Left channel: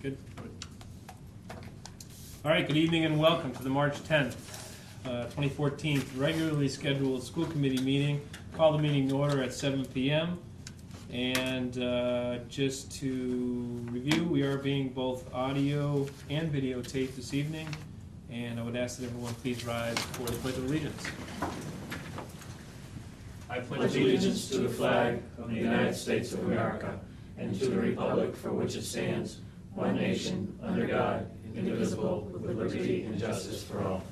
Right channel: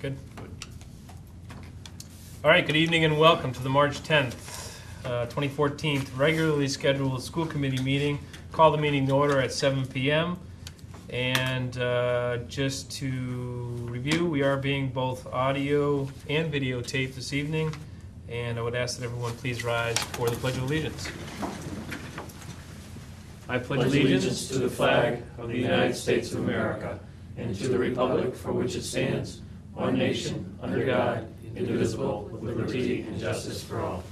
Good. All right, good evening and welcome to the March 10th, 2014 regularly scheduled school committee meeting. Call the meeting to order at 7 p.m. And just to review, we are being both audio and videotaped this evening. And I would ask that everyone please rise for the Pledge of Allegiance. I pledge allegiance to the flag of the United States of America and to the republic for which it stands, one nation, under God, indivisible, with liberty and justice for all.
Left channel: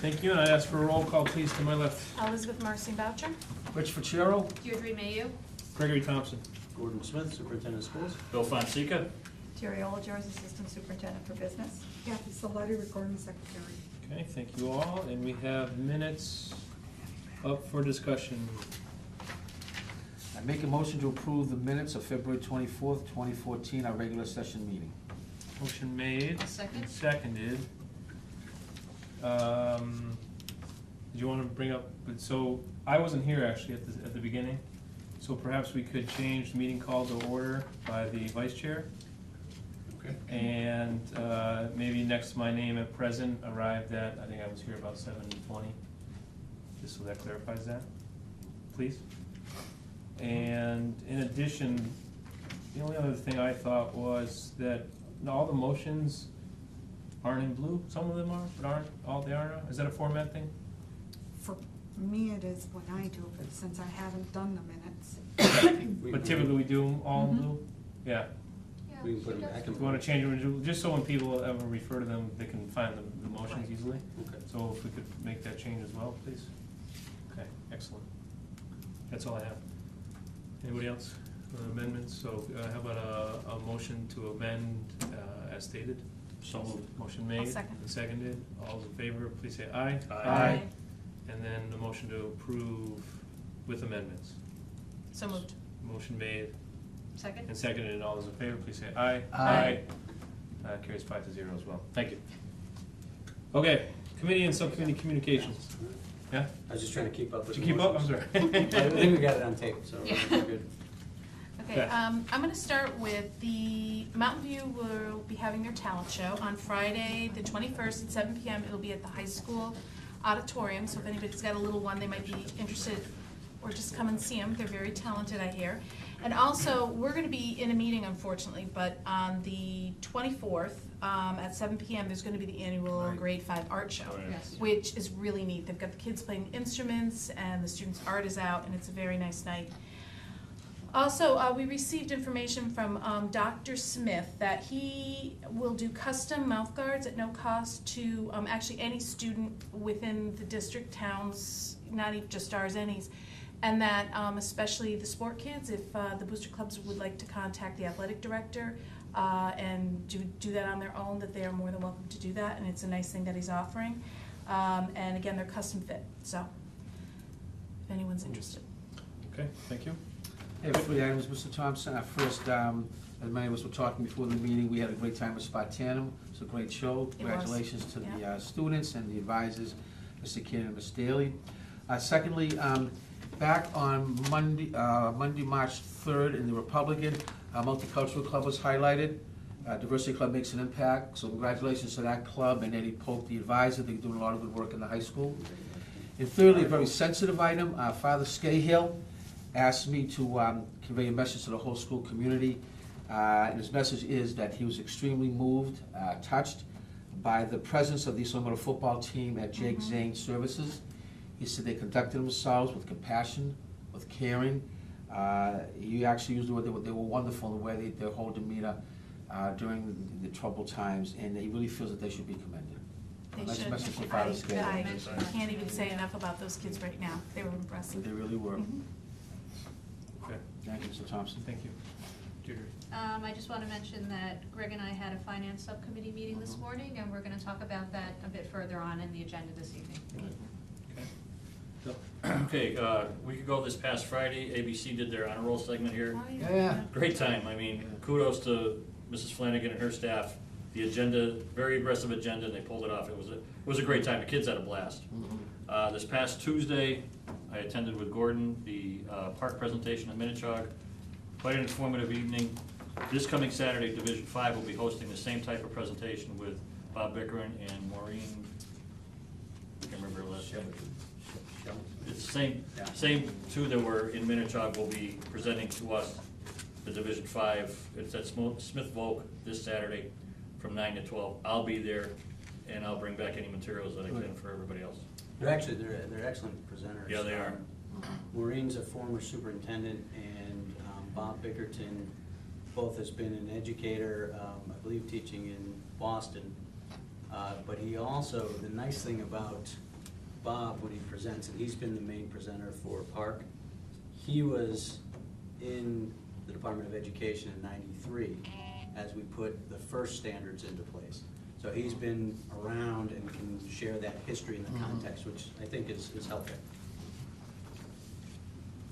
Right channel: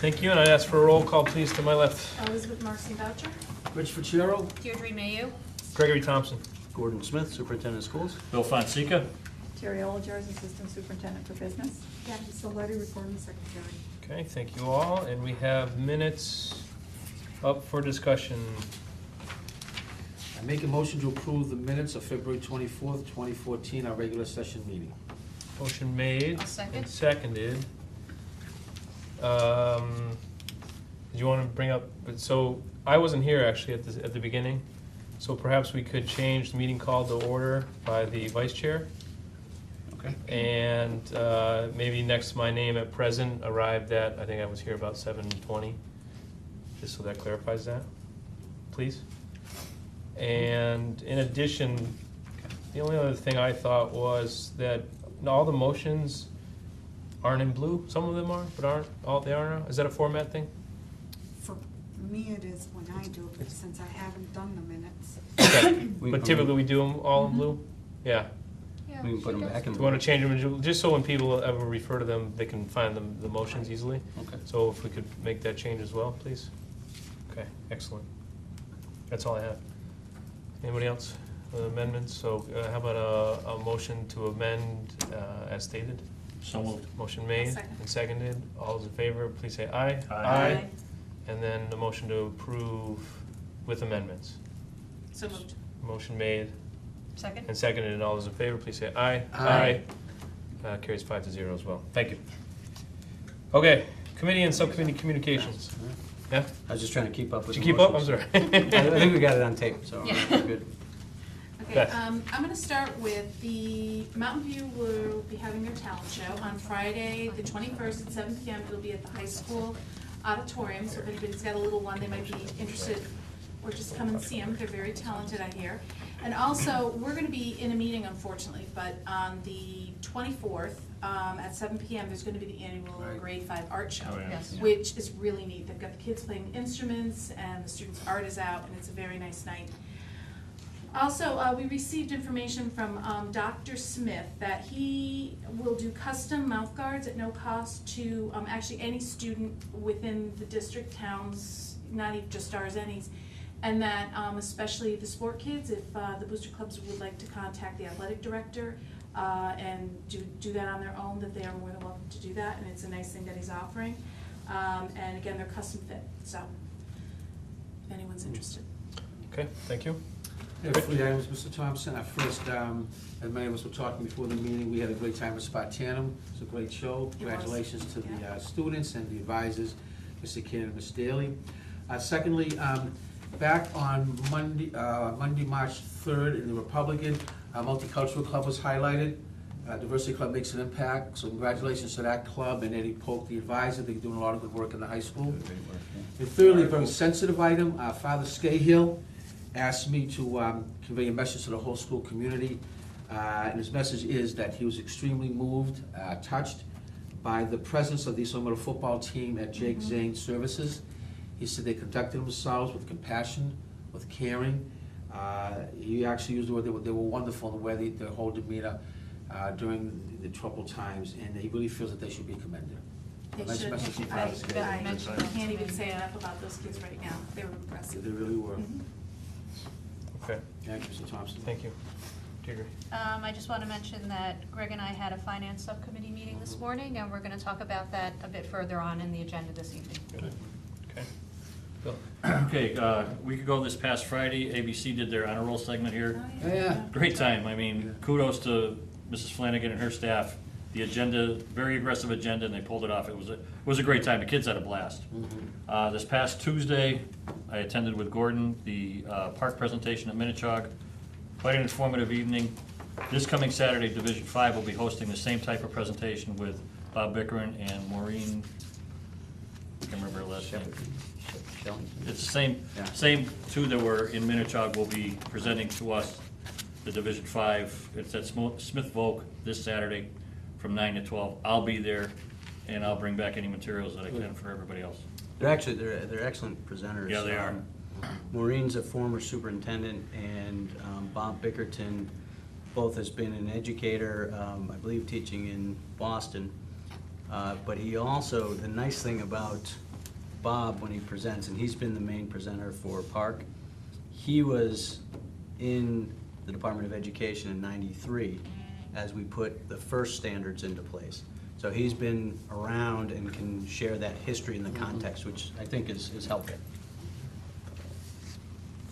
Thank you, and I'd ask for a roll call, please, to my left. Elizabeth Marcy Boucher. Rich Ficciero. Deirdre Mayu. Gregory Thompson. Gordon Smith, Superintendent of Schools. Bill Fonseca. Terry Olagers, Assistant Superintendent for Business. Kathy Salati, Recording Secretary. Okay, thank you all, and we have minutes up for discussion. I make a motion to approve the minutes of February 24th, 2014, our regular session meeting. Motion made. I'll second. And seconded. Did you want to bring up, so I wasn't here actually at the beginning, so perhaps we could change the meeting call to order by the vice chair. Okay. And maybe next to my name at present arrived at, I think I was here about 7:20, just so that clarifies that, please. And in addition, the only other thing I thought was that all the motions aren't in blue. Some of them are, but aren't all. They aren't. Is that a format thing? For me, it is when I do it, since I haven't done the minutes. But typically we do them all in blue. Yeah. We can put them back in. Do you want to change them just so when people ever refer to them, they can find the motions easily? Okay. So if we could make that change as well, please. Okay, excellent. That's all I have. Anybody else? Amendments? So how about a motion to amend as stated? So moved. Motion made I'll second. and seconded. All those in favor, please say aye. Aye. And then the motion to approve with amendments. So moved. Motion made Second. and seconded. All those in favor, please say aye. Aye. Carries 5-0 as well. Thank you. Okay, committee and subcommittee communications. Yeah? I was just trying to keep up with Did the you keep up? I'm motions. sorry. I think we got it on tape, so Yeah. we're good. Okay, Beth. I'm going to start with the Mountain View will be having their talent show on Friday, the 21st at 7 p.m. It'll be at the high school auditorium, so if anybody's got a little one, they might be interested, or just come and see them. They're very talented, I hear. And also, we're going to be in a meeting, unfortunately, but on the 24th at 7 p.m., there's going to be the annual Grade 5 art show, Oh, yeah. Yes. which is really neat. They've got the kids playing instruments, and the students' art is out, and it's a very nice night. Also, we received information from Dr. Smith that he will do custom mouth guards at no cost to actually any student within the district towns, not even just ours, any's, and that especially the sport kids, if the booster clubs would like to contact the athletic director and do that on their own, that they are more than welcome to do that, and it's a nice thing that he's offering. And again, they're custom fit, so if anyone's interested. Okay, thank you. Yeah, 3 items, Mr. Thompson. First, as many of us were talking before the meeting, we had a great time at Spartanum. It's a great show. It was. Congratulations to the Yeah. Students and the advisors, Mr. Keenan and Ms. Daly. Secondly, back on Monday, March 3rd, in the Republican, our Multicultural Club was highlighted. Diversity Club makes an impact, so congratulations to that club and Eddie Polk, the advisor. They're doing a lot of good work in the high school. And thirdly, a very sensitive item, Father Scahill asked me to convey a message to the whole school community. And his message is that he was extremely moved, touched by the presence of the East Long Meadow football team at Jake Zane services. He said they conducted themselves with compassion, with caring. He actually used the word they were wonderful in the way their whole demeanor during the troubled times, and he really feels that they should be commended. They Nice should. message from Father I Scahill. can't even say enough about those kids right now. They were impressive. They really were. Okay, Thank you, Mr. Thompson. thank you. Deirdre. I just want to mention that Greg and I had a finance subcommittee meeting this morning, and we're going to talk about that a bit further on in the agenda this evening. Okay. Bill. Okay, a week ago this past Friday, ABC did their honor roll segment here. Yeah. Great time. I mean, kudos to Mrs. Flanagan and her staff. The agenda, very aggressive agenda, and they pulled it off. It was a great time. The kids had a blast. This past Tuesday, I attended with Gordon the park presentation at Minichog. Quite an informative evening. This coming Saturday, Division 5 will be hosting the same type of presentation with Bob Bickeren and Maureen, I can't remember her last name. It's the same two that were in Minichog will be presenting to us the Division 5. It's at Smith Volk this Saturday from 9 to 12. I'll be there, and I'll bring back any materials that I can for everybody else. They're excellent presenters. Yeah, they are. Maureen's a former superintendent, and Bob Bickerton both has been an educator, I believe teaching in Boston. But he also, the nice thing about Bob when he presents, and he's been the main presenter for Park, he was in the Department of Education in '93 as we put the first standards into place. So he's been around and can share that history in the context, which I think is helpful.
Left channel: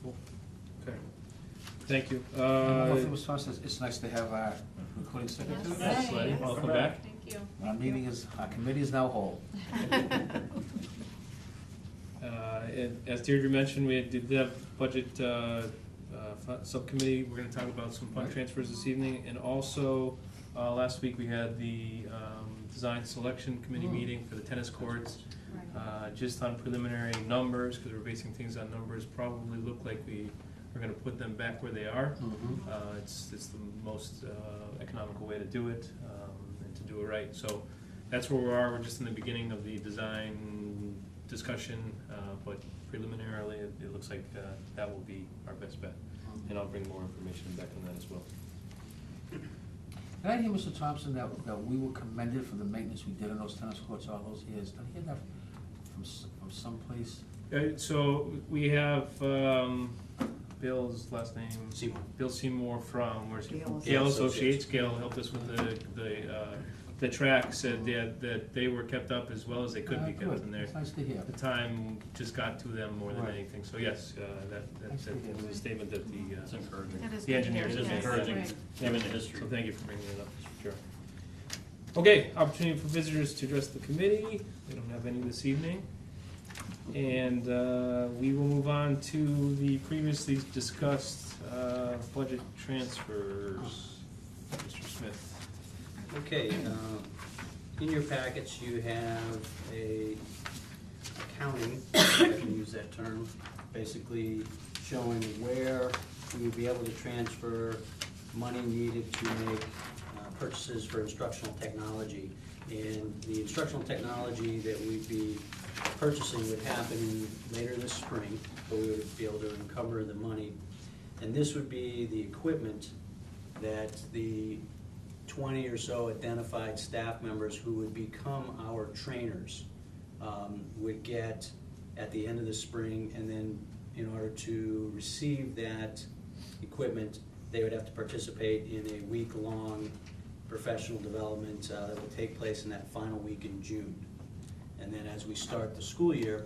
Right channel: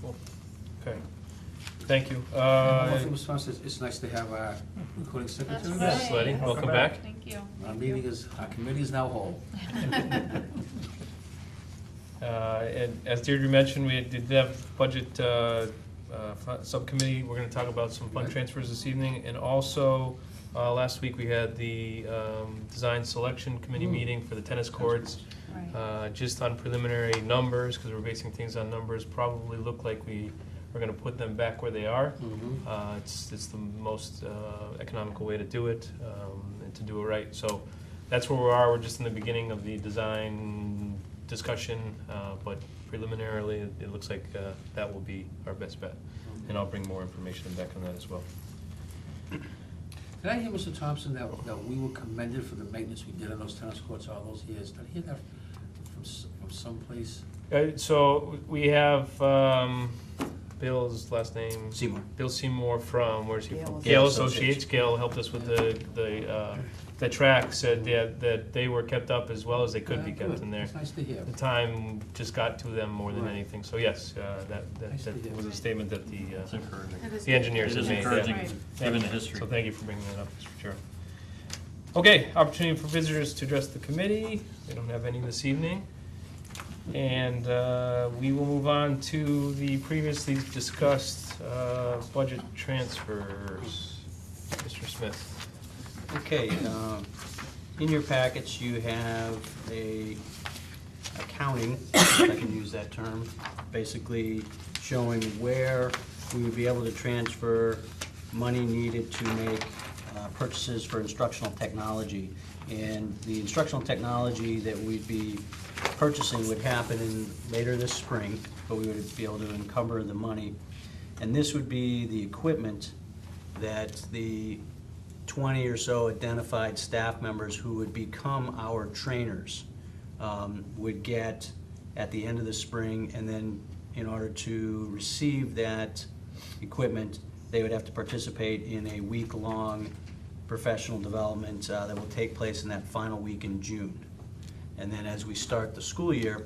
Cool. Okay. Thank you. One thing, Mr. Thompson, it's nice to have our recording secretary. That's Yes, Letty, Right. welcome back. Thank you. Our committee is now whole. As Deirdre mentioned, we did have budget subcommittee. We're gonna talk about some fund Right. transfers this evening. And also, last week we had the design selection committee meeting for the tennis courts. Right. Just on preliminary numbers, because we're basing things on numbers, probably look like we are gonna put them back where they are. It's the most economical way to do it, and to do it right. So that's where we are. We're just in the beginning of the design discussion, but preliminarily, it looks like that will be our best bet. And I'll bring more information back on that as well. Did I hear, Mr. Thompson, that we were commended for the maintenance we did on those tennis courts all those years? Did I hear that from someplace? So we have Bill's last name. Seymour. Bill Seymour from, where's he from? Gale Gale Associates. Associates. Gale helped us with the track, said that they were kept up as well as they could be Good. kept in there. It's nice to hear. The time just got to them more than Right. anything. So yes, Nice to hear. that was a statement that It's encouraging. That is the engineers It have is made. encouraging, Right. given the history. So thank you for bringing that up, Mr. Chair. Okay, opportunity for visitors to address the committee. We don't have any this evening. And we will move on to the previously discussed budget transfers. Mr. Smith. Okay, in your packets, you have a accounting, if I can use that term, basically showing where we would be able to transfer money needed to make purchases for instructional technology. And the instructional technology that we'd be purchasing would happen later this spring, but we would be able to encumber the money. And this would be the equipment that the 20 or so identified staff members who would become our trainers would get at the end of the spring, and then in order to receive that equipment, they would have to participate in a week-long professional development that will take place in that final week in June. And then as we start the school year,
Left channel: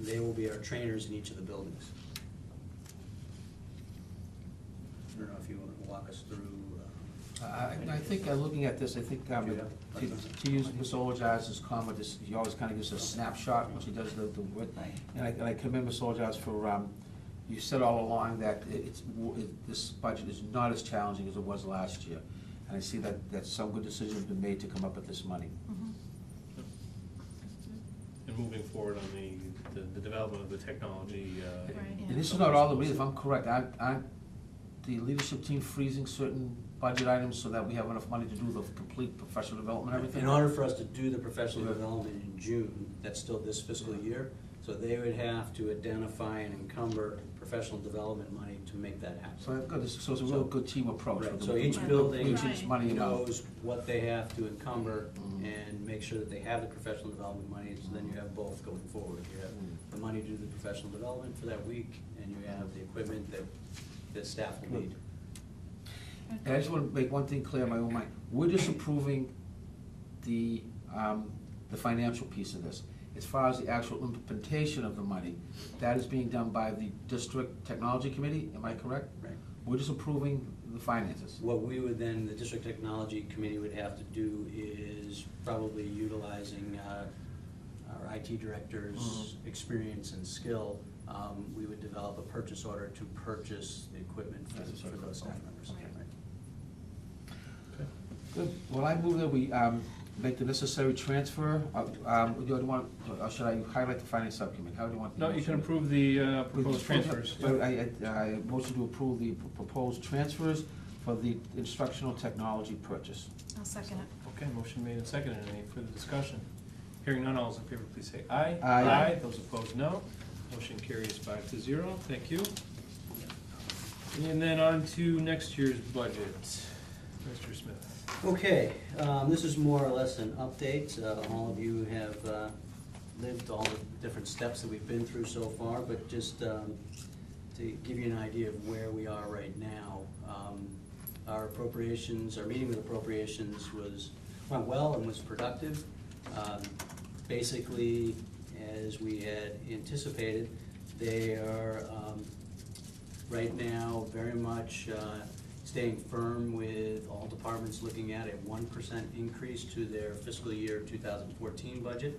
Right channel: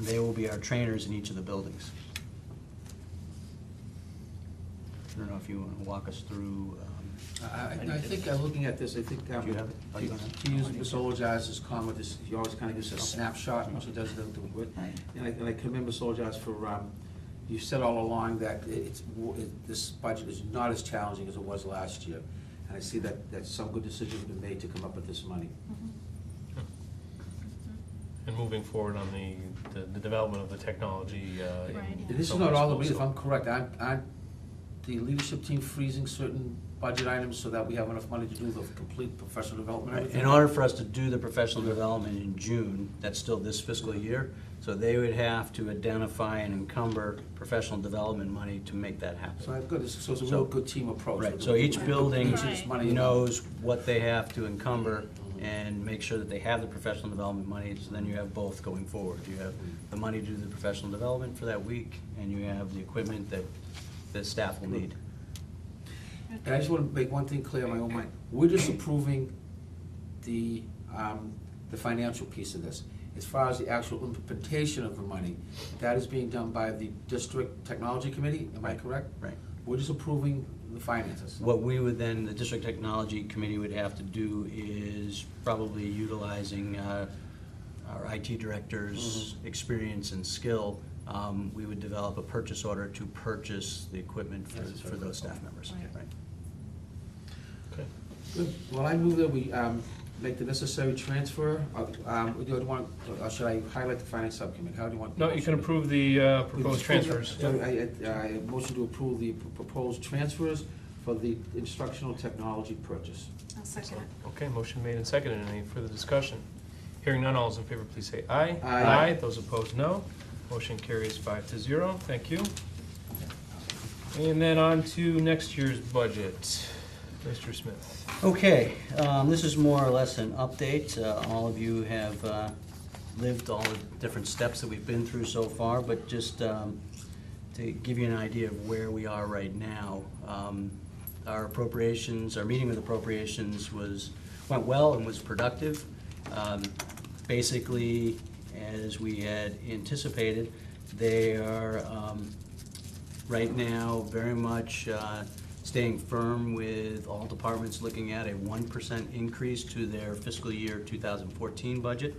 they will be our trainers in each of the buildings. I don't know if you want to walk us through. I think, looking at this, I think, Do you have it? to use Ms. Olajaz's comment, he always kind of gives a snapshot when she does the work. And I commend Ms. Olajaz for, you said all along that this budget is not as challenging as it was last year. And I see that some good decisions have been made to come up with this money. And moving forward on the development of the technology. Right. And this is not all of me, if I'm correct, aren't the leadership team freezing certain budget items so that we have enough money to do the complete professional development and everything? In order for us to do the professional development in June, that's still this fiscal year, so they would have to identify and encumber professional development money to make that So happen. good, so it's a real good team approach. Right, so each building Each of this money knows what they have to encumber and make sure that they have the professional development money, so then you have both going forward. You have the money to do the professional development for that week, and you have the equipment that staff will need. And I just want to make one thing clear in my own mind. We're just approving the financial piece of this. As far as the actual implementation of the money, that is being done by the District Technology Committee, am I correct? Right. We're just approving the finances. What we would then, the District Technology Committee would have to do is probably utilizing our IT director's experience and skill we would develop a purchase order to purchase the equipment for those staff members. Right. Right. Okay. Good. Well, I move that we make the necessary transfer. Do you want, or should I highlight the finance subcommittee? How do you want? the No, you can motion? approve the proposed transfers. I motion to approve the proposed transfers for the instructional technology purchase. I'll second it. Okay, motion made and seconded. Any further discussion? Hearing none, all those in favor, please say aye. Aye. Those opposed, no. Motion carries 5-0. Thank you. And then on to next year's budget. Mr. Smith. Okay, this is more or less an update. All of you have lived all the different steps that we've been through so far, but just to give you an idea of where we are right now. Our appropriations, our meeting with appropriations went well and was productive. Basically, as we had anticipated, they are right now very much staying firm with all departments looking at a 1% increase to their fiscal year 2014 budget.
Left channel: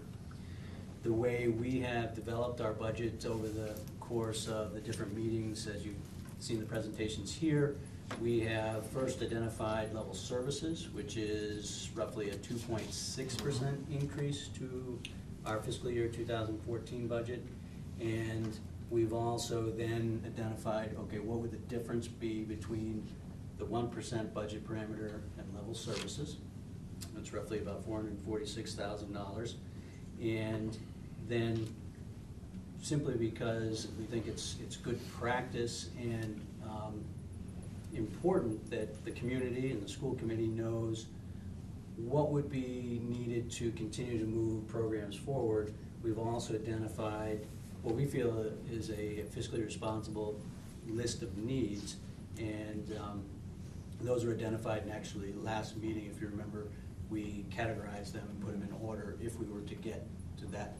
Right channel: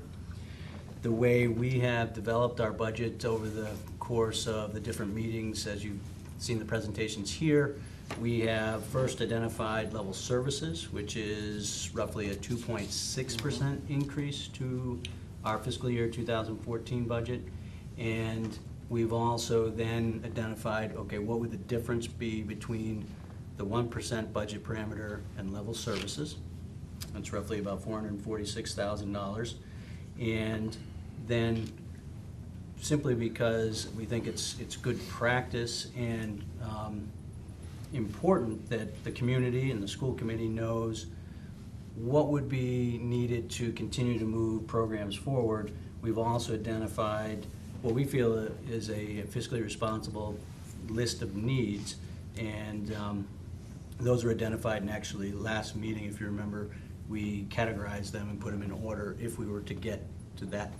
The way we have developed our budget over the course of the different meetings, as you've seen the presentations here, we have first identified level services, which is roughly a 2.6% increase to our fiscal year 2014 budget. And we've also then identified, okay, what would the difference be between the 1% budget parameter and level services? That's roughly about $446,000. And then simply because we think it's good practice and important that the community and the school committee knows what would be needed to continue to move programs forward. We've also identified what we feel is a fiscally responsible list of needs, and those were identified in actually last meeting, if you remember, we categorized them and put them in order if we were to get to that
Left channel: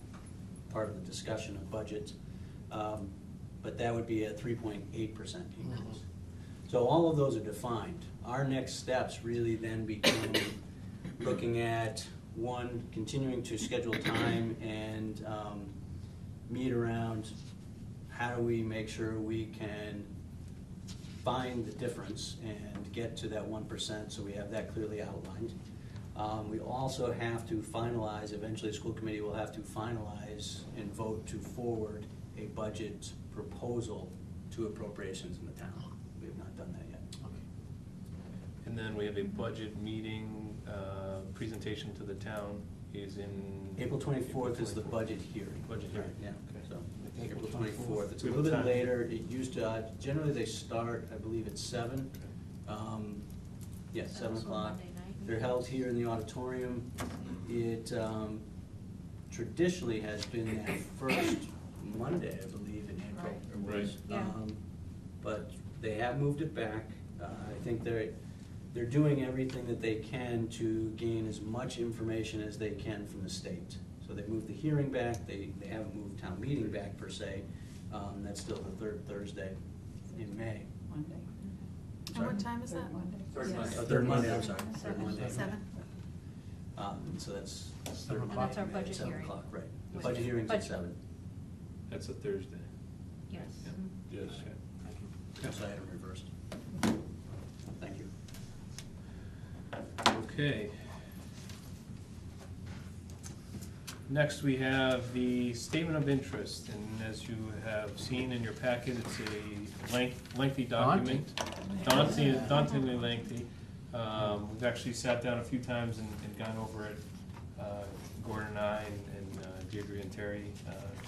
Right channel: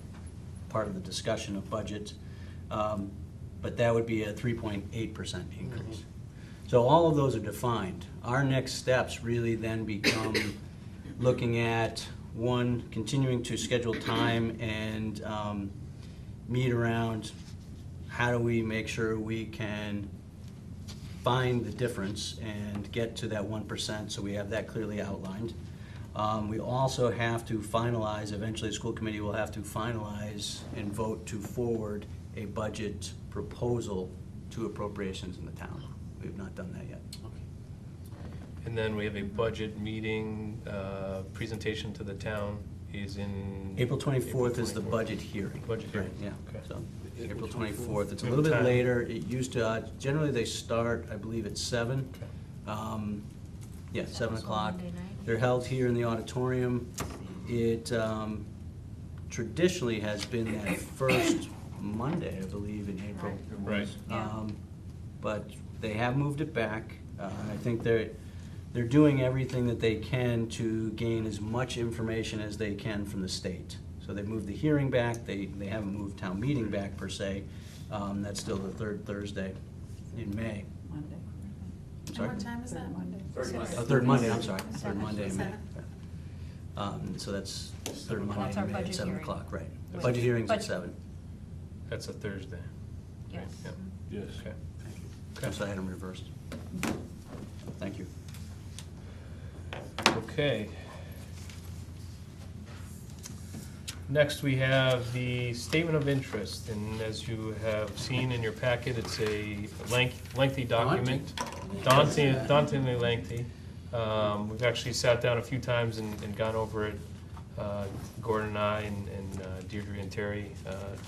part of the discussion of budgets. But that would be a 3.8% increase. So all of those are defined. Our next steps really then become looking at, one, continuing to schedule time and meet around how do we make sure we can find the difference and get to that 1%, so we have that clearly outlined. We also have to finalize, eventually the school committee will have to finalize and vote to forward a budget proposal to appropriations in the town. We have not done that yet. And then we have a budget meeting, presentation to the town is in? April 24th is the budget hearing. Budget hearing. Right, yeah, Okay. so April 24th. It's a We have little bit time. later. It used to, generally they start, I believe, at 7. Yeah, 7 That's o'clock. Monday night. They're held here in the auditorium. It traditionally has been that first Monday, I believe, in April. It was. Right. Yeah. But they have moved it back. I think they're doing everything that they can to gain as much information as they can from the state. So they moved the hearing back. They haven't moved town meeting back per se. That's still the third Thursday in May. Monday. I'm sorry? What time is that? Monday. Third Monday, I'm sorry. Third Seven. Monday in May. Seven. So that's third And Monday that's our in May at budget 7 hearing. o'clock, right. Right. Budget hearing's at Budget- 7. That's a Thursday. Yes. Yep. Yes. Okay. So I had them reversed. Thank you. Okay. Next, we have the statement of interest, and as you have seen in your packet, it's a lengthy document. Dauntingly lengthy. We've actually sat down a few times and gone over it, Gordon and I, and Deirdre and Terry,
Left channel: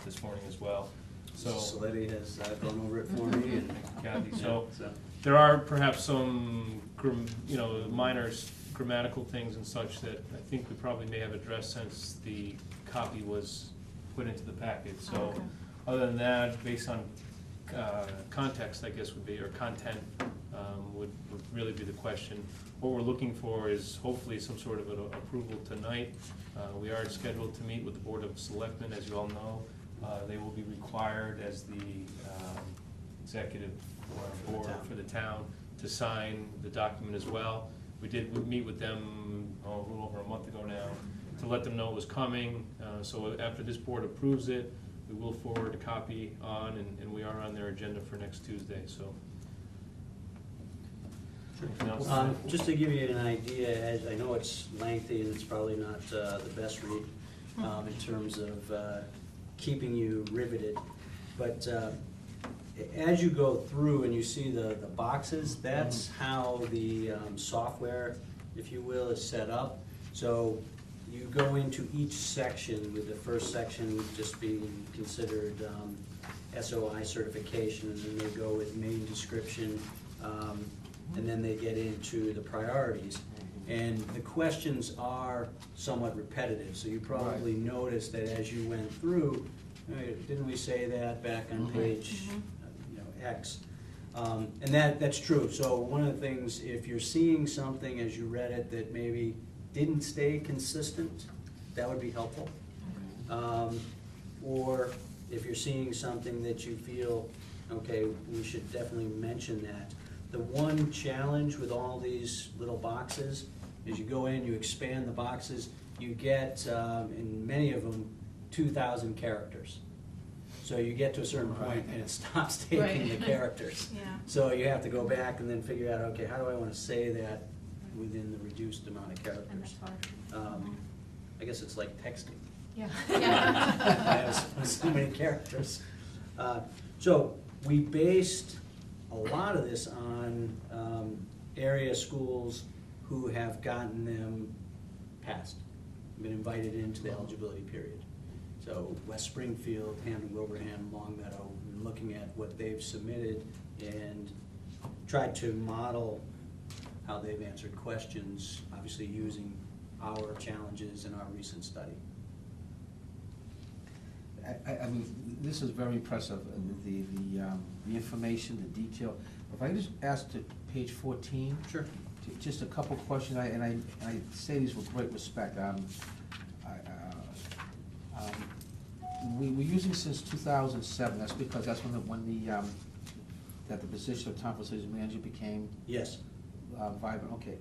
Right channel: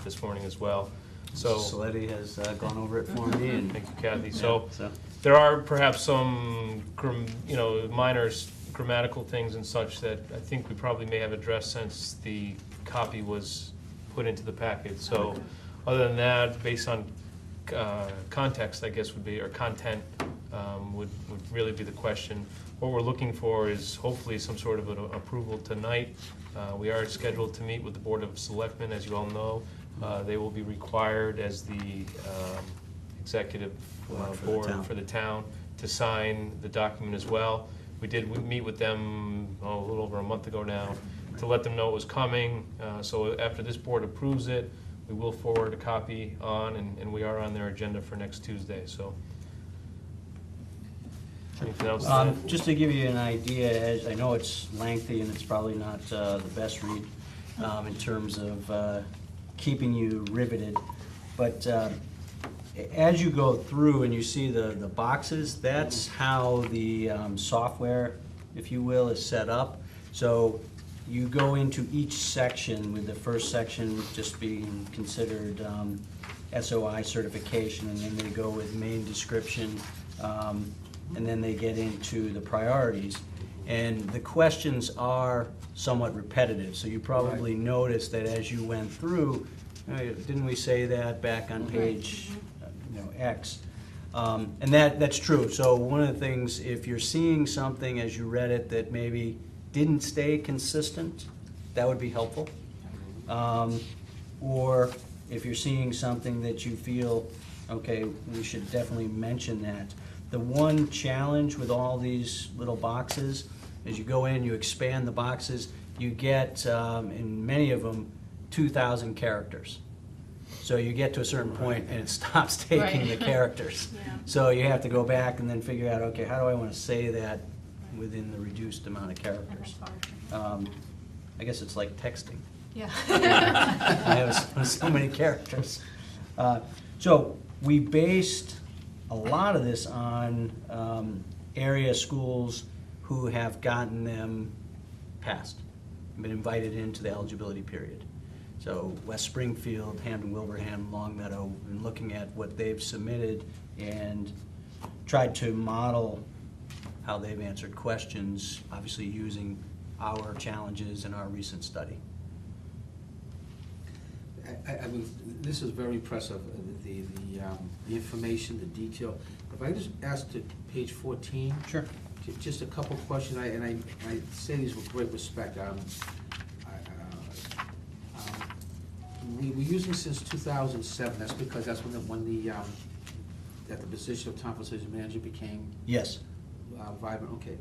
this morning as well. So, Saletti has gone over it for me, and thank you, Kathy. So, yeah, there are perhaps some, minor grammatical things and such that I think we probably may have addressed since the copy was put into the packet. So, other than that, based on context, I guess would be, or content, would really be the question. What we're looking for is hopefully some sort of an approval tonight. We are scheduled to meet with the Board of Selectmen, as you all know. They will be required as the executive board for the town to sign the document as well. We did meet with them a little over a month ago now to let them know it was coming. So after this board approves it, we will forward a copy on, and we are on their agenda for next Tuesday, so. Anything else? to add? Just to give you an idea, as I know it's lengthy and it's probably not the best read in terms of keeping you riveted, but as you go through and you see the boxes, that's how the software, if you will, is set up. So you go into each section, with the first section just being considered SOI certification, and then they go with main description, and then they get into the priorities. And the questions are somewhat repetitive, so you probably noticed that as you went through, didn't we say that back on page X? And that's true. So one of the things, if you're seeing something as you read it that maybe didn't stay consistent, that would be helpful. Or if you're seeing something that you feel, okay, we should definitely mention that. The one challenge with all these little boxes is you go in, you expand the boxes, you get, in many of them, 2,000 characters. So you get to a certain point and it stops taking the characters. Yeah. So you have to go back and then figure out, okay, how do I want to say that within the reduced amount of And characters? that's hard. I guess it's like texting. Yeah. I have so many characters. So we based a lot of this on area schools who have gotten them passed, been invited into the eligibility period. So West Springfield, Hampton, Wilbraham, Longmeadow, been looking at what they've submitted and tried to model how they've answered questions, obviously using our challenges and our recent study. I mean, this is very impressive, the information, the detail. If I just ask to page 14. Sure. Just a couple of questions, and I say these with great respect. We're using since 2007, that's because that's when the position of town facilities manager became Yes. vibrant, okay.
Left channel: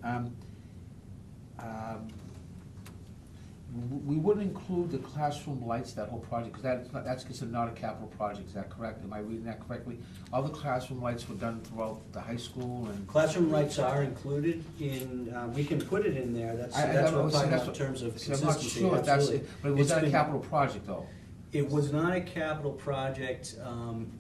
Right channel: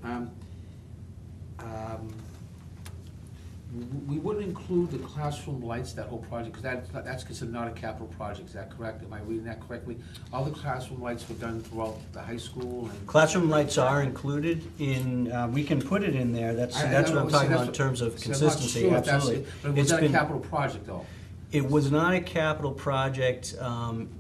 We wouldn't include the classroom lights, that whole project, because that's considered not a capital project, is that correct? Am I reading that correctly? All the classroom lights were done throughout the high school and? Classroom lights are included in, we can put it in there, that's what I'm talking about in terms of consistency, absolutely. But was It's that a been- capital project, though? It was not a capital project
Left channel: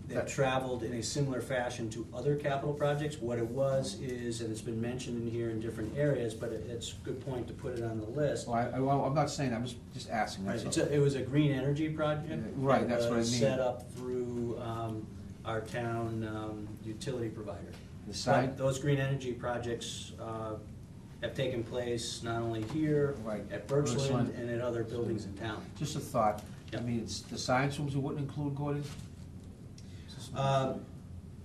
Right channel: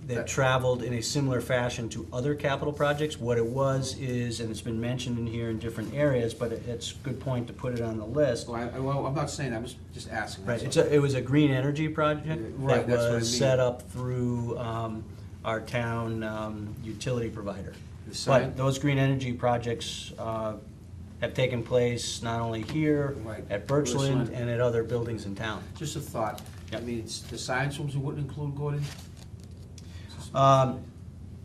that traveled in a similar fashion to other capital projects. What it was is, and it's been mentioned in here in different areas, but it's a good point to put it on the list. Well, I'm not saying, I'm just asking. Right, that's it was a green energy project Right, that's what I that was mean. set up through our town utility provider. The sign? But those green energy projects have taken place not only here, Right. at Birchland, Birchland. and at other buildings in town. Just a thought. I Yep. mean, it's the science rooms you wouldn't include, Gordon?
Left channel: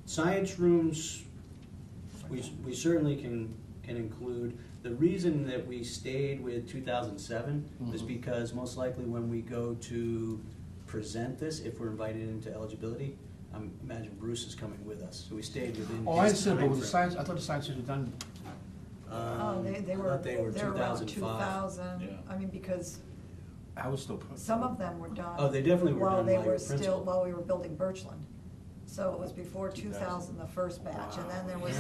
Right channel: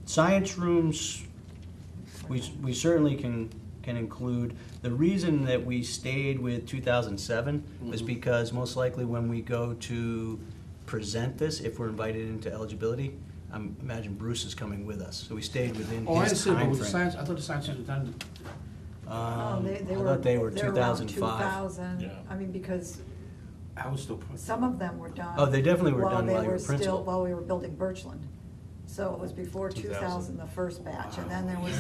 Science rooms, we certainly can include. The reason that we stayed with 2007 was Mhm. because most likely when we go to present this, if we're invited into eligibility, imagine Bruce is coming with us, so we stayed within Oh, I his understand, but with the timeframe. science, I thought the science rooms were done, Oh, I they were, thought they were they're around 2005. 2000, Yeah. I mean, because I was still. some of them were done. Oh, they definitely were done while you were still, principal. while we were building Birchland. So it was before 2000. 2000, the first batch, and then there was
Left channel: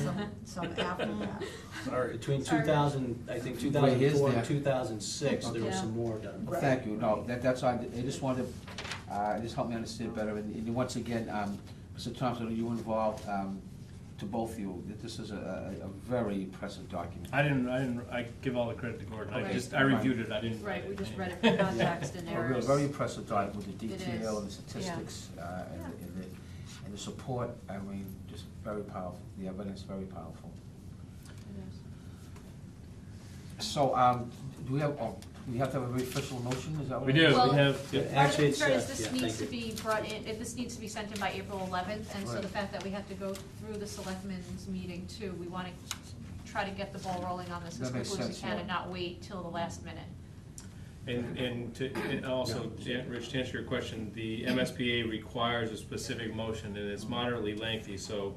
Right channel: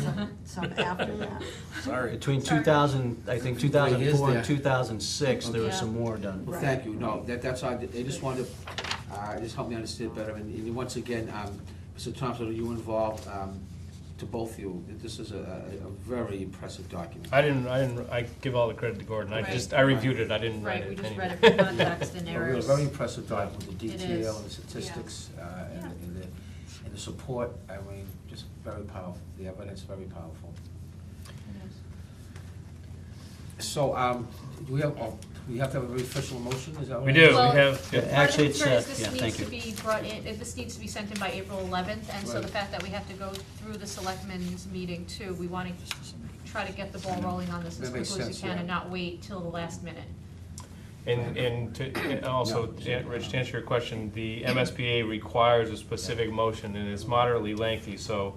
some after that. Sorry. Between 2000, I think 2004 and there. 2006, there was Okay. some more done. Well, Right. thank you, no, that's all, I just wanted, just help me understand better, and once again, Mr. Thompson, are you involved, to both of you, that this is a very impressive document. I give all the credit to Gordon, Right. I reviewed it, I didn't write Right, it. we just anyway. read it for context and A real- errors. very impressive document, with the It detail is. and the statistics, and Yeah. the support, I mean, just very powerful, the evidence, very powerful. So, do we have to have a very official motion, is that what? We do, we Well, have, Yeah, Part of actually, the it's, concern is yeah, this thank needs you. to be brought in, this needs to be sent in by April 11th, and so Right. the fact that we have to go through the selectmen's meeting too, we want to try to get the ball rolling on this as That quickly makes as we sense, can yeah. and not wait till the last minute. and also, Rich, to answer your question, the MSBA requires a specific motion, and it's moderately lengthy, so,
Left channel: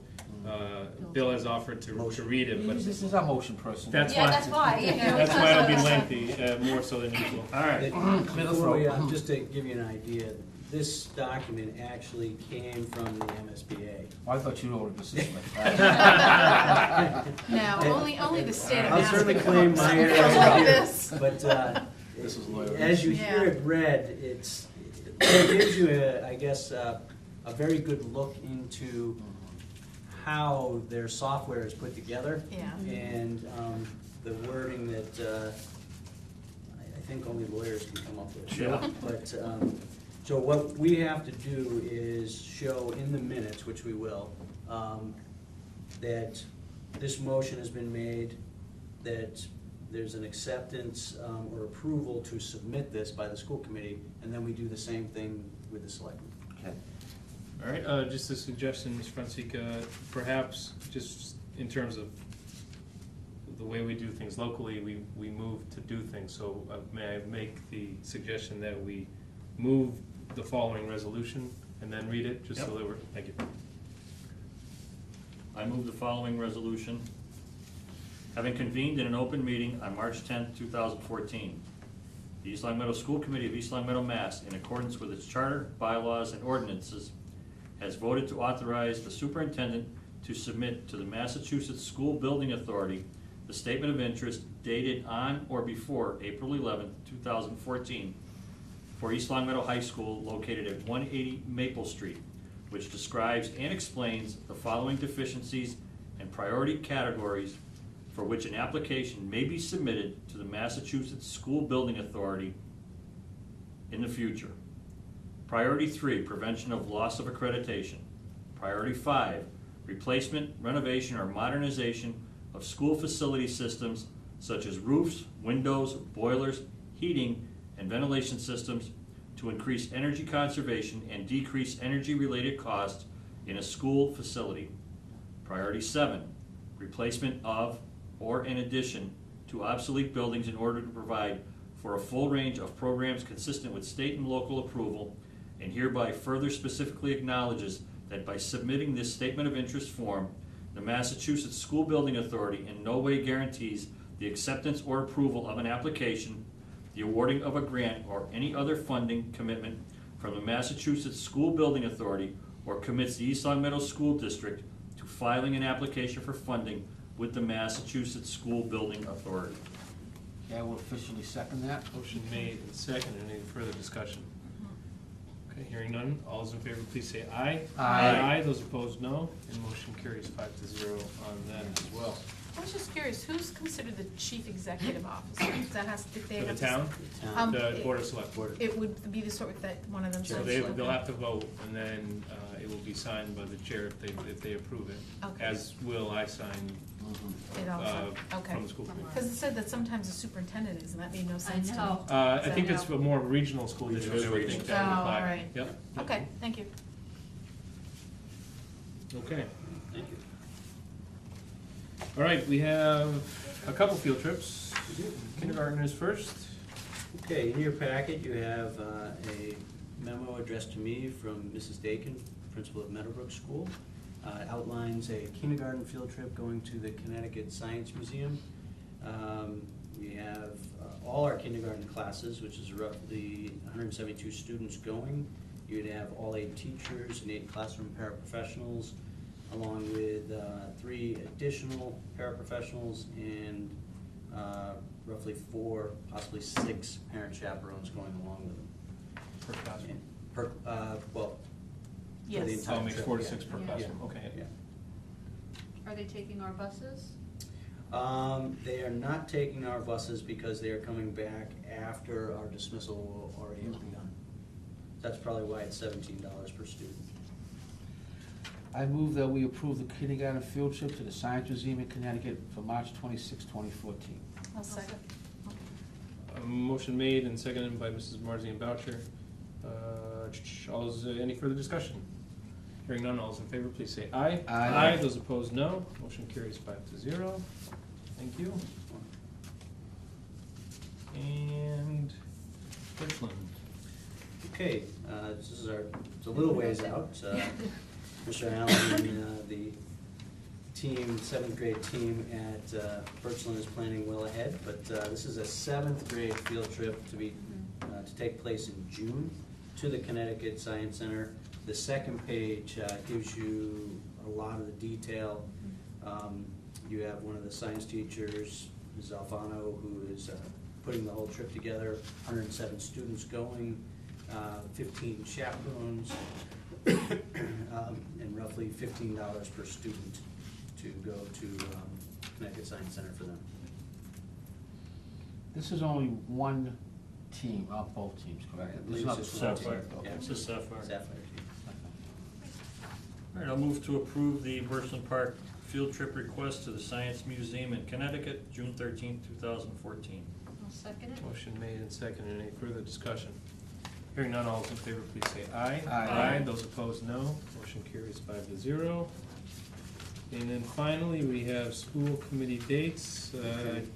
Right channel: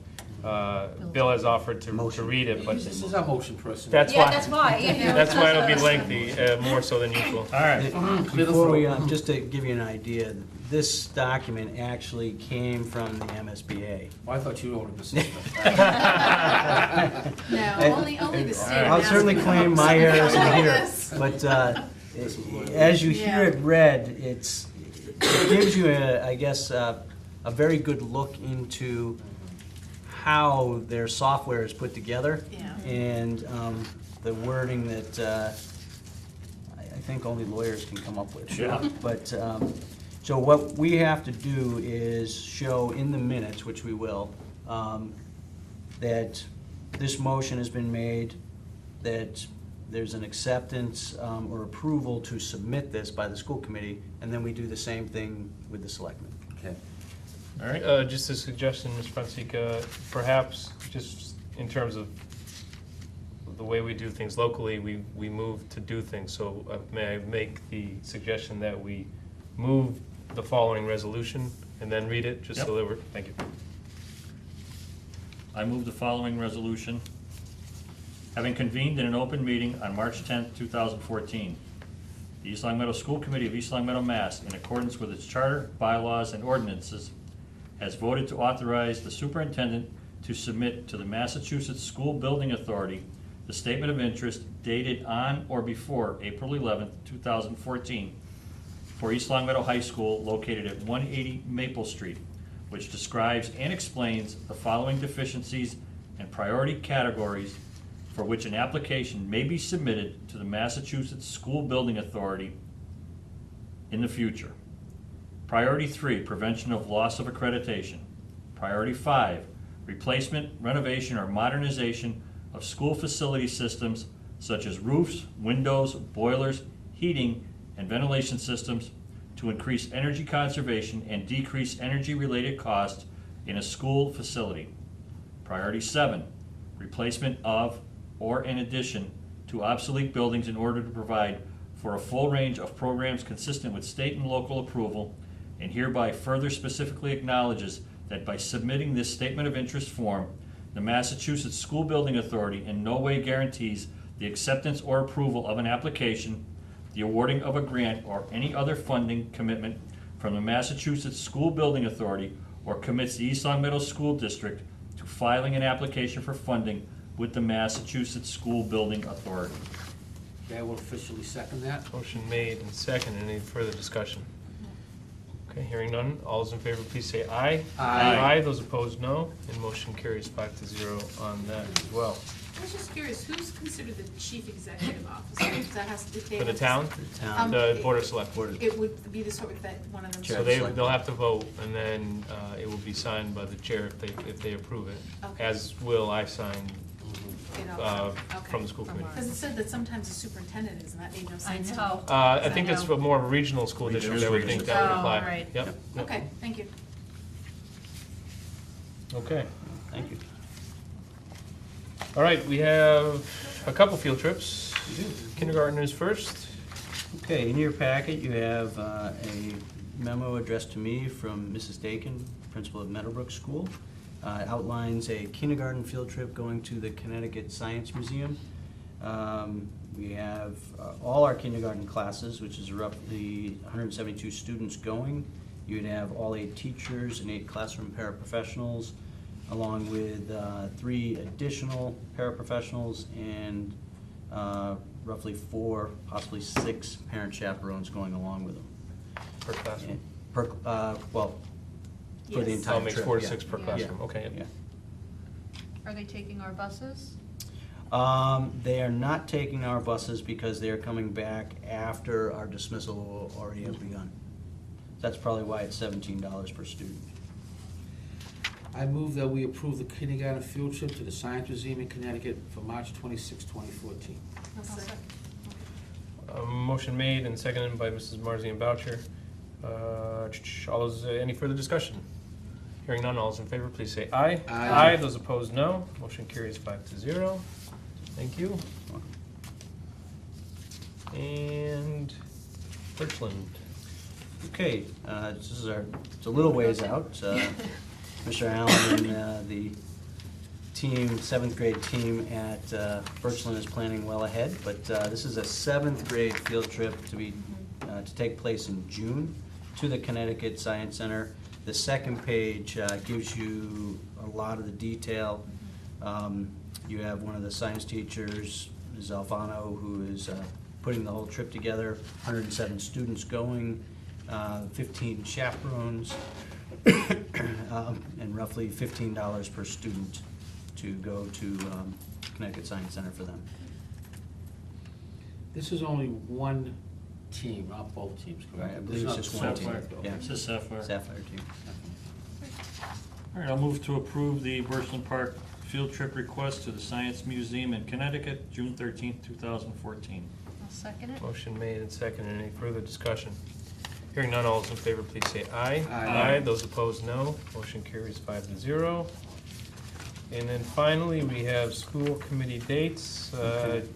Bill has offered to Motion. read it, but This is our motion person. that's Yeah, why. that's why. That's why it'll be lengthy, more so than usual. All right. Clear the Before we, throat. just to give you an idea, this document actually came from the MSBA. Well, I thought you ordered Mrs. Smith. No, only the state. I'll has certainly it. claim my errors Like here, this. but This is loyal. as you hear Yeah. it read, it gives you, I guess, a very good look into how their software is put together. Yeah. And the wording that I think only lawyers can come up with. Yeah. But, so what we have to do is show in the minutes, which we will, that this motion has been made, that there's an acceptance or approval to submit this by the school committee, and then we do the same thing with the selectmen. Okay. All right, Just a suggestion, Ms. Francisca, perhaps just in terms of the way we do things locally, we move to do things. So may I make the suggestion that we move the following resolution and then read it, just so that we're, thank you. I move the following resolution. Having convened in an open meeting on March 10th, 2014, the East Long Meadow School Committee of East Long Meadow, Mass., in accordance with its charter, bylaws, and ordinances, has voted to authorize the superintendent to submit to the Massachusetts School Building Authority the statement of interest dated on or before April 11th, 2014, for East Long Meadow High School located at 180 Maple Street, which describes and explains the following deficiencies and priority categories for which an application may be submitted to the Massachusetts School Building Authority in the future. Priority 3, prevention of loss of accreditation. Priority 5, replacement, renovation, or modernization of school facility systems such as roofs, windows, boilers, heating, and ventilation systems to increase energy conservation and decrease energy-related costs in a school facility. Priority 7, replacement of or in addition to obsolete buildings in order to provide for a full range of programs consistent with state and local approval, and hereby further specifically acknowledges that by submitting this statement of interest form, the Massachusetts School Building Authority in no way guarantees the acceptance or approval of an application, the awarding of a grant, or any other funding commitment from the Massachusetts School Building Authority, or commits the East Long Meadow School District to filing an application for funding with the Massachusetts School Building Authority. Okay, I will officially second that. Motion made and second. Any further discussion? Okay, hearing none. All those in favor, please say aye. Aye. Those opposed, no. And motion carries 5-0 on that as well. I was just curious, who's considered the chief executive officer? If that has, if they For the have- town, Town. the Board of Select. It would be the sort of, that one of them. So should they, select they'll it. have to vote, and then it will be signed by the chair if they approve it. Okay. As will I sign It also- from okay. the school committee. Because it said that sometimes the superintendent is, and that made no I sense. to me. know. I think it's I know. for more regional school Regional districts, I would school think that would districts. apply. Oh, all right. Yep. Yep. Okay, thank you. Okay. Thank you. All right, we have a couple field trips. Kindergartners first. Okay, in your packet, you have a memo addressed to me from Mrs. Dakin, principal of Meadowbrook School. It outlines a kindergarten field trip going to the Connecticut Science Museum. We have all our kindergarten classes, which is roughly 172 students going. You'd have all 8 teachers and 8 classroom paraprofessionals, along with 3 additional paraprofessionals and roughly 4, possibly 6 parent chaperones going along with them. Per classroom. And well, for the Yes. entire Oh, it makes trip, 4 to yeah. 6 per Yeah. classroom, okay. Yeah. Are they taking our buses? They are not taking our buses because they are coming back after our dismissal will already have begun. That's probably why it's $17 per student. I move that we approve the kindergarten field trip to the Science Museum in Connecticut for March 26, 2014. I'll second. Motion made and seconded by Mrs. Marzian Boucher. All those, any further discussion? Hearing none, all those in favor, please say aye. Aye. Those opposed, no. Motion carries 5-0. Thank you. And Birchland. Okay, this is it's a little ways out. Mr. Allen and the team, 7th grade team at Birchland is planning well ahead, but this is a 7th grade field trip to take place in June to the Connecticut Science Center. The second page gives you a lot of the detail. You have one of the science teachers, Ms. Alfano, who is putting the whole trip together, 107 students going, 15 chaperones, and roughly $15 per student to go to Connecticut Science Center for them. This is only one team, not both teams, correct? I believe This it's is just not one the team. full Yeah. It's a Sapphire. Sapphire team. All right, I'll move to approve the Bursland Park field trip request to the Science Museum in Connecticut, June 13th, 2014. I'll second it. Motion made and seconded. Any further discussion? Hearing none, all those in favor, please say aye. Aye. Those opposed, no. Motion carries 5-0. And then finally, we have school committee dates.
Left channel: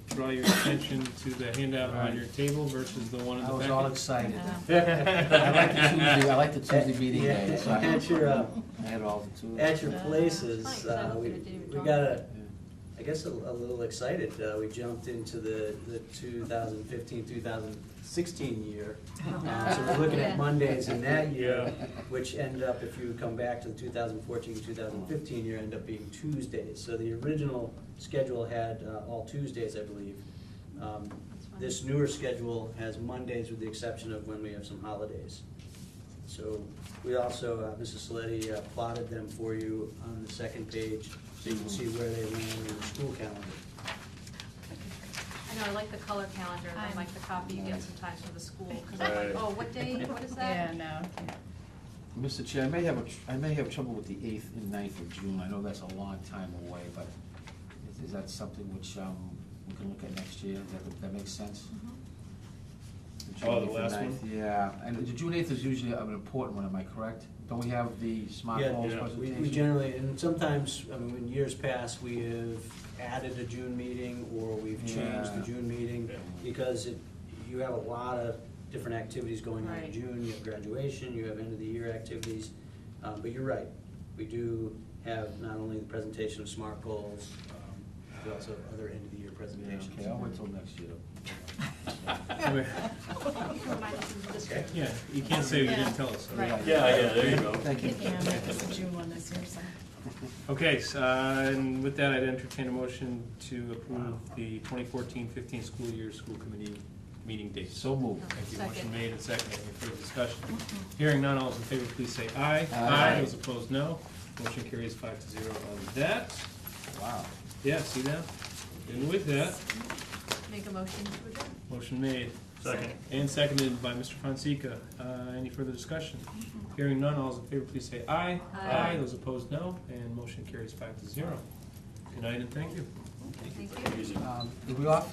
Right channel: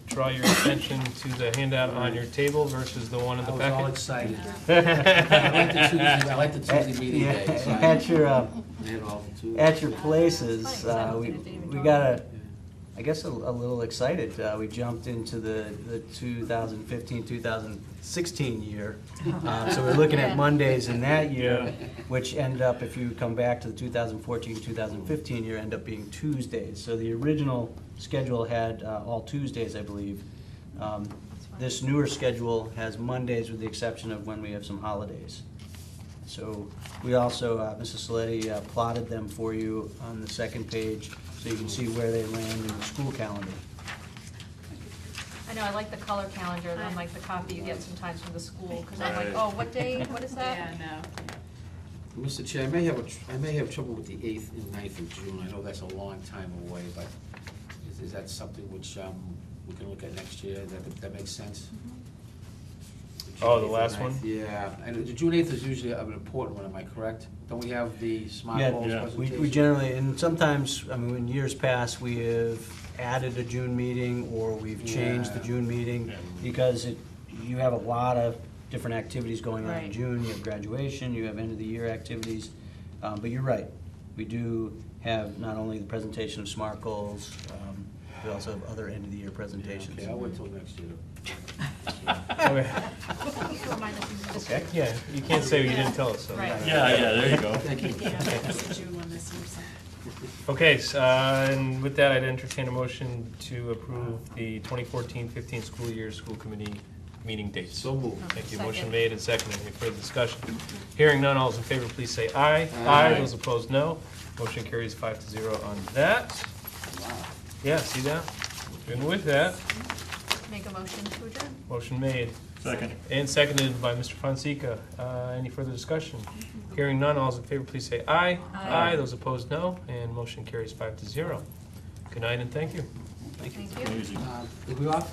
Draw your attention to the handout on your table versus the one in I the was all packet. excited. I like the Tuesday meeting Yeah, day, so I at your, I had all the two. at your places, It's funny 'cause I we didn't even we draw got it. I guess a little excited. We jumped into the 2015-2016 year. So we're looking at Yeah. Mondays in that year, which end up, if you come back to the 2014-2015 year, end up being Tuesdays. So the original schedule had all Tuesdays, I believe. This newer schedule has Mondays with the exception of when we have some holidays. So we also, Mrs. Saletti plotted them for you on the second page, so you can see where they land in the school calendar. I know, I like the color calendar, and I- like the copy you get sometimes from the school, because I'm like, Right. oh, what day, what is that? Yeah, no. Mr. Chair, I may have trouble with the 8th and 9th of June. I know that's a long time away, but is that something which we can look at next year? That makes sense? June Oh, the 8th and last 9th. one? Yeah, and the June 8th is usually an important one, am I correct? Don't we have the smart Yeah, goals yeah. presentation? We generally, and sometimes, I mean, in years past, we have added a June meeting, or we've changed the Yeah. June meeting, Yeah. because you have a lot of different activities going on in Right. June. You have graduation, you have end-of-the-year activities. But you're right, we do have not only the presentation of SMART goals, we also have other end-of-the-year Yeah, presentations. okay, I'll wait till next year. Remind us of this. Okay, yeah, you can't say you didn't tell us. so. Right. Yeah, there you go. Thank you. Yeah, that's the June one this year, so. Okay, and with that, I'd entertain a motion to approve the 2014-15 school year school committee meeting dates. So moved. Thank you. Second. Motion made and seconded. Any further discussion? Hearing none, all those in favor, please say aye. Aye. Those opposed, no. Motion carries 5-0 on that. Wow. Yeah, see that? And with that, Make a motion to adjourn? motion made Second. and seconded by Mr. Fonseca. Any further discussion? Hearing none, all those in favor, please say aye. Aye. Those opposed, no. And motion carries 5-0. Good night and thank you. Thank you. Thank you. Easy. Are we off?